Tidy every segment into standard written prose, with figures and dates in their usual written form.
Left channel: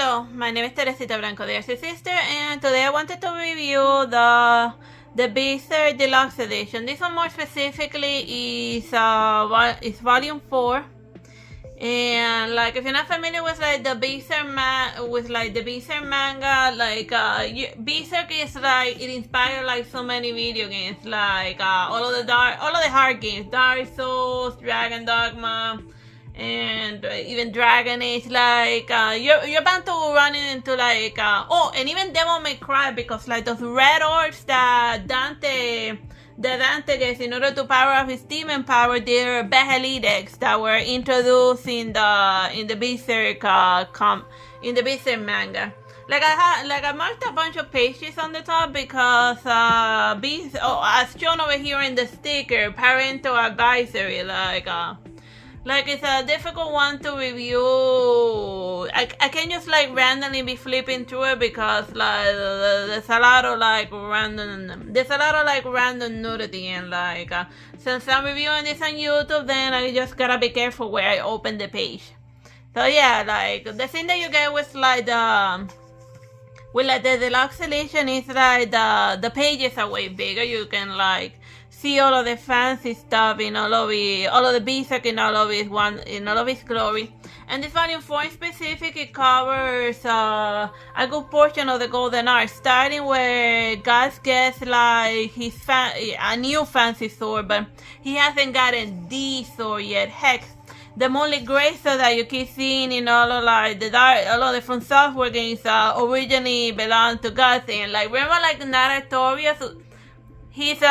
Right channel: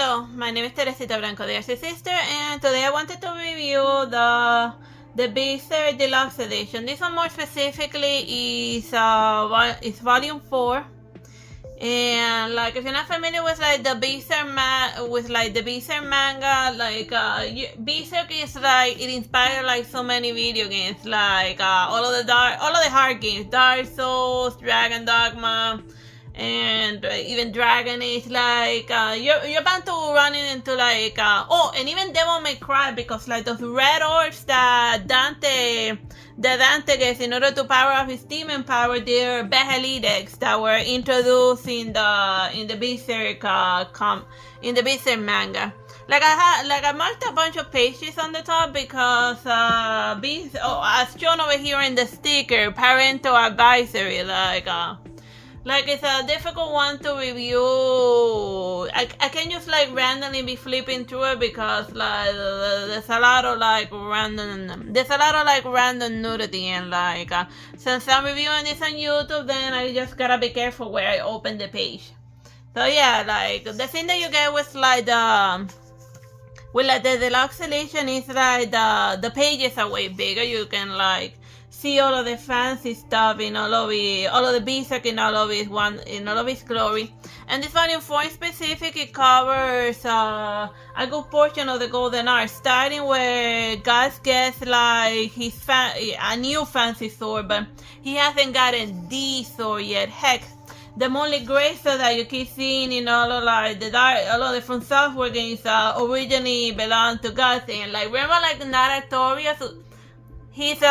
Hello, my name is Teresita Blanco, the Artsy Sister, and today I wanted to review the BERSERK Deluxe Edition. This one more specifically is Volume 4. And like, if you're not familiar with like the BERSERK manga, like BERSERK is like, it inspired like so many video games, like all of the hard games, Dark Souls, Dragon Dogma, and even Dragon Age. Like you're bound to run into like and even Devil May Cry, because like those red orbs that Dante gets in order to power up his demon power, they're Behelideks that were introduced in the BERSERK manga. Like I marked a bunch of pages on the top because as shown over here in the sticker, parental advisory, like it's a difficult one to review. I can't just like randomly be flipping through it because like there's a lot of like random nudity, and like since I'm reviewing this on YouTube, then I just gotta be careful where I open the page. So yeah, like the thing that you get with like the deluxe edition is like the pages are way bigger. You can like see all of the fancy stuff in all of the BERSERK in all of its glory. And this volume 4 in specific, it covers a good portion of the golden art, starting where Gus gets like a new fancy sword, but he hasn't gotten the sword yet. Heck, the only gray sword that you keep seeing in all of the From Software games originally belonged to Gus. And like, remember like the Naratorius? He's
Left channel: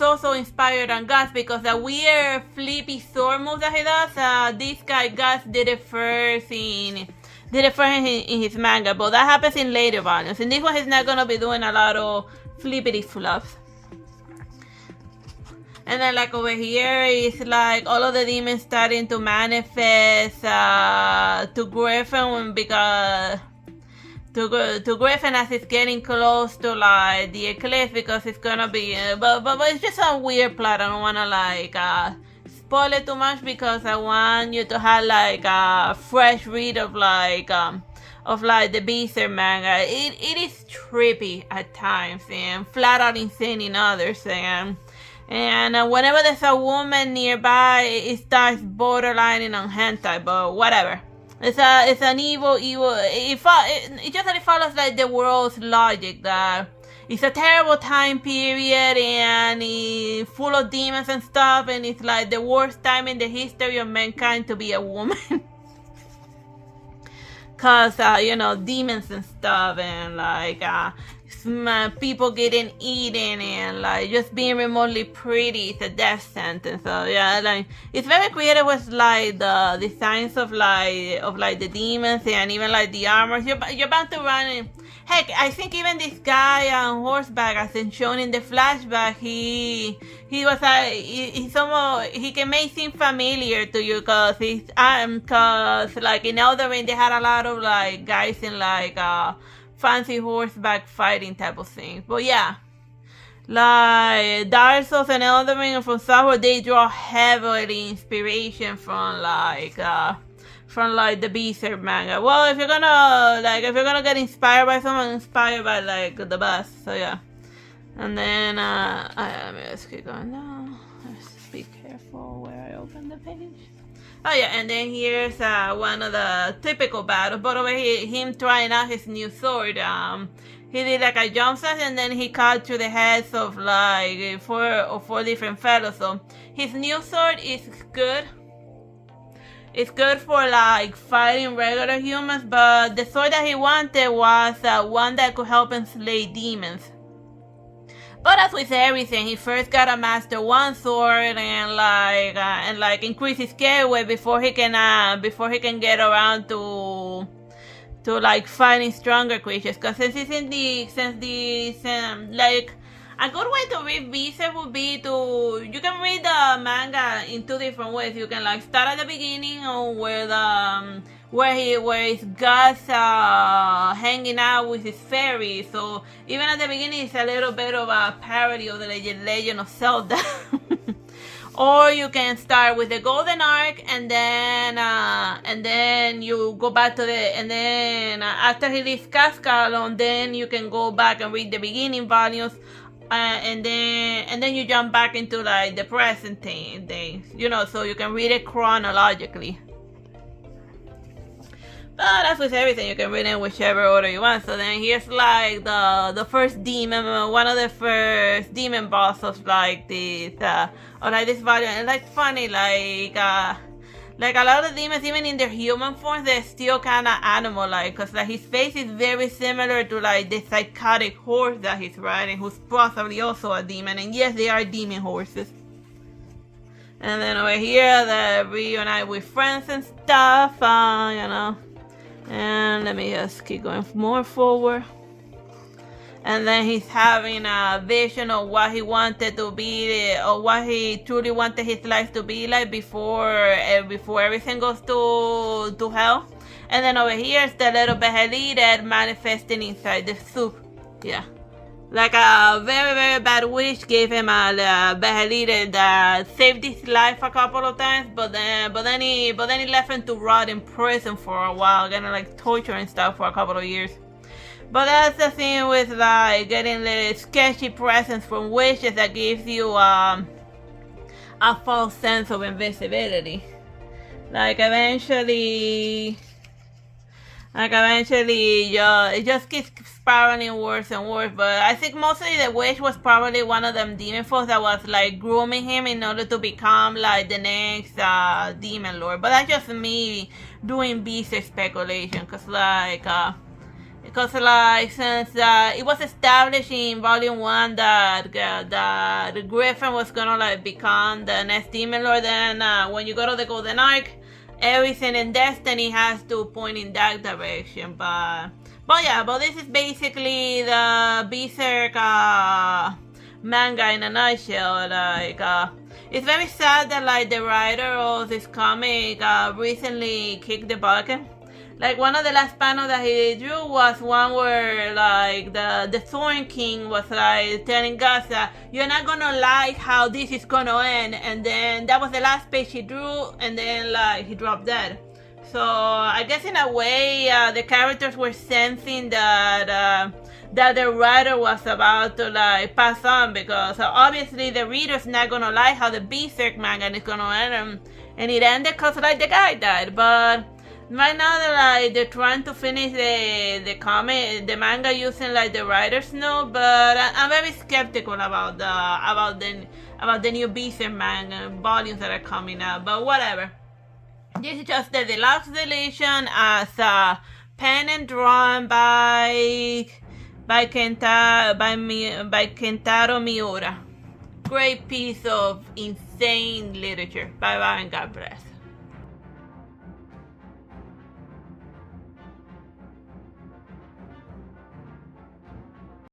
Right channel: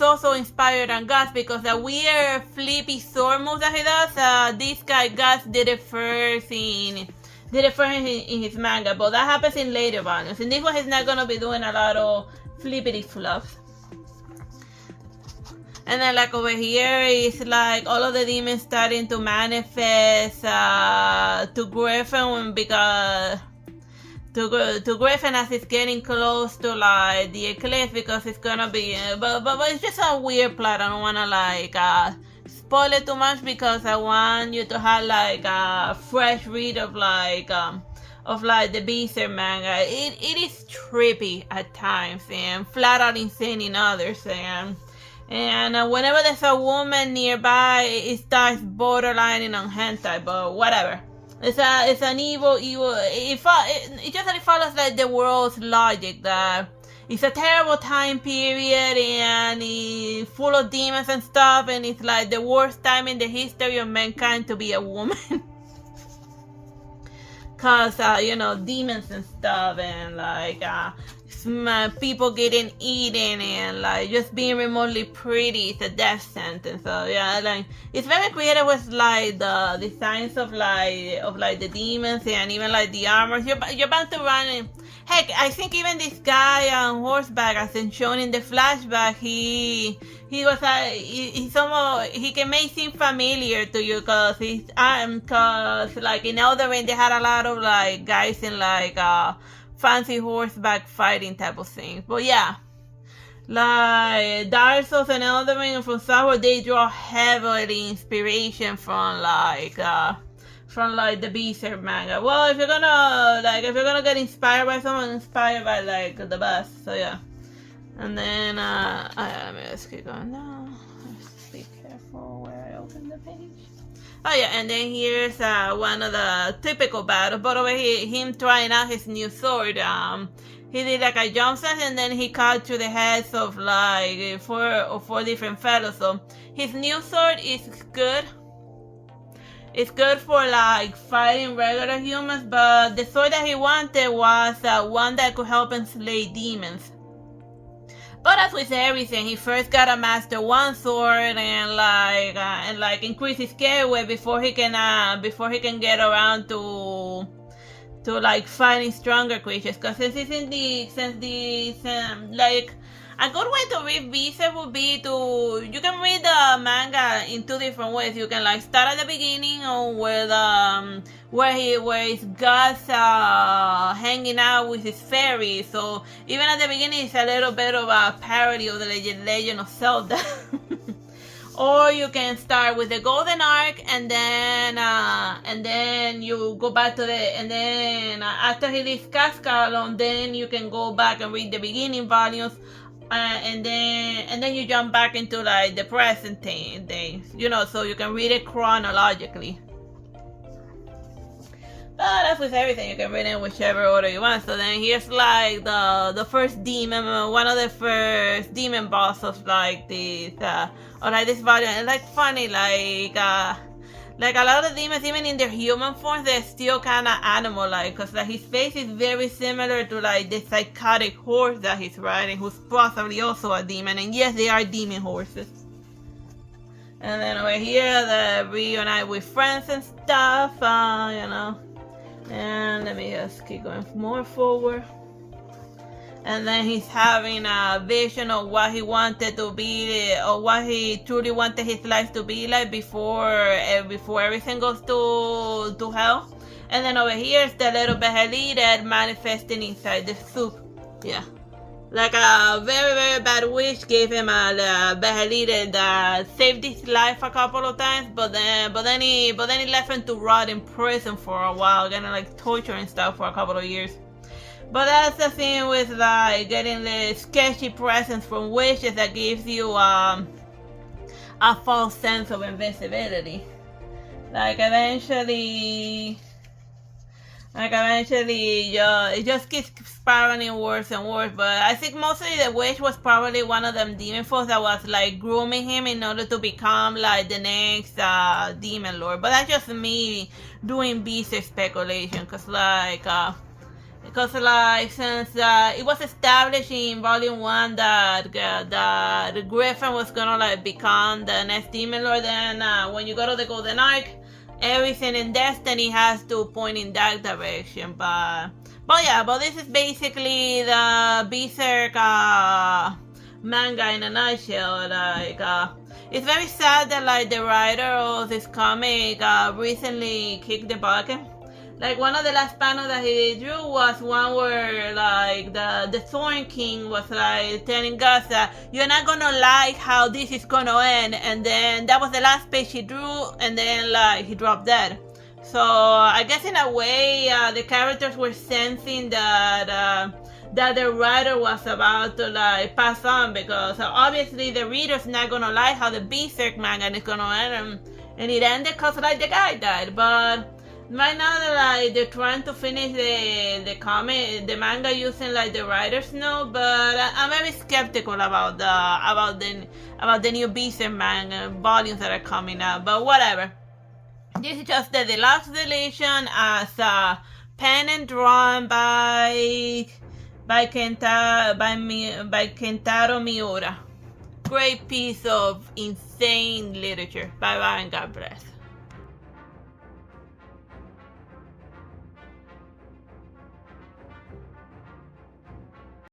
also inspired on Gus because the weird flippy sword move that he does, this guy Gus did it first in his manga, but that happens in later volumes. In this one, he's not gonna be doing a lot of flippity fluff. And then like over here is like all of the demons starting to manifest to Griffin, because to Griffin as it's getting close to like the eclipse, because it's gonna be but it's just a weird plot. I don't wanna like spoil it too much because I want you to have like a fresh read of the BERSERK manga. It is trippy at times and flat out insane in others, and whenever there's a woman nearby, it starts borderlining on hentai, but whatever. It's an evil. It just that it follows like the world's logic, that it's a terrible time period and it's full of demons and stuff, and it's like the worst time in the history of mankind to be a woman. Cause demons and stuff, and like people getting eaten, and like just being remotely pretty is a death sentence. So yeah, like it's very creative with like the designs of the demons and even like the armor. You're bound to run in. Heck, I think even this guy on horseback, as in shown in the flashback, he can make seem familiar to you, cause like in Elden Ring they had a lot of like guys in like fancy horseback fighting type of things. But yeah, like Dark Souls and Elden Ring and From Software, they draw heavily inspiration from the BERSERK manga. Well, if you're gonna get inspired by someone, inspired by like the best. So yeah. And then let's keep going now. Let's be careful where I open the page. Oh yeah, and then here's one of the typical battles. But over here, him trying out his new sword. He did like a jump set, and then he cut through the heads of like four different fellows. So his new sword is good. It's good for like fighting regular humans, but the sword that he wanted was one that could help him slay demons. But as with everything, he first gotta master one sword and increase his scale weight before he can get around to like fighting stronger creatures. Because like a good way to read BERSERK would be you can read the manga in two different ways. You can like start at the beginning or where he's Gus hanging out with his fairy. So even at the beginning, it's a little bit of a parody of the Legend of Zelda. or you can start with the Golden Arc and then you go back to and then after he leaves Cascalon, then you can go back and read the beginning volumes, and then you jump back into like the present things, so you can read it chronologically. But as with everything, you can read it in whichever order you want. So then here's like the first demon, one of the first demon boss of like this, or like this volume. And like funny, like a lot of demons, even in their human forms, they're still kind of animal-like, because like his face is very similar to like the psychotic horse that he's riding, who's possibly also a demon. And yes, they are demon horses. And then over here, the reunite with friends and stuff, And let me just keep going more forward. And then he's having a vision of what he wanted to be, or what he truly wanted his life to be like before everything goes to hell. And then over here is the little Behelite manifesting inside the soup. Yeah. Like a very, very bad wish gave him a Behelite that saved his life a couple of times, but then he left him to rot in prison for a while, getting like torture and stuff for a couple of years. But that's the thing with like getting the sketchy presents from wishes that gives you a false sense of invincibility. Like eventually, it just keeps spiraling worse and worse. But I think mostly the wish was probably one of them demon folks that was like grooming him in order to become like the next demon lord. But that's just me doing BERSERK speculation, because since it was established in volume 1 that Griffin was gonna like become the next demon lord, then when you go to the Golden Arc, everything in Destiny has to point in that direction. But this is basically the BERSERK manga in a nutshell. Like it's very sad that like the writer of this comic recently kicked the bucket. Like one of the last panels that he drew was one where like the Thorn King was like telling Gus that you're not gonna like how this is gonna end, and then that was the last page he drew, and then like he dropped dead. So I guess in a way the characters were sensing that the writer was about to like pass on, because obviously the reader's not gonna like how the BERSERK manga is gonna end, and it ended because like the guy died. But right now they're trying to finish the the manga using like the writer's note, but I'm very skeptical about the new BERSERK manga volumes that are coming out. But whatever. This is just the deluxe edition as pen and drawn by Kentaro Miura. Great piece of insane literature. Bye bye and God bless.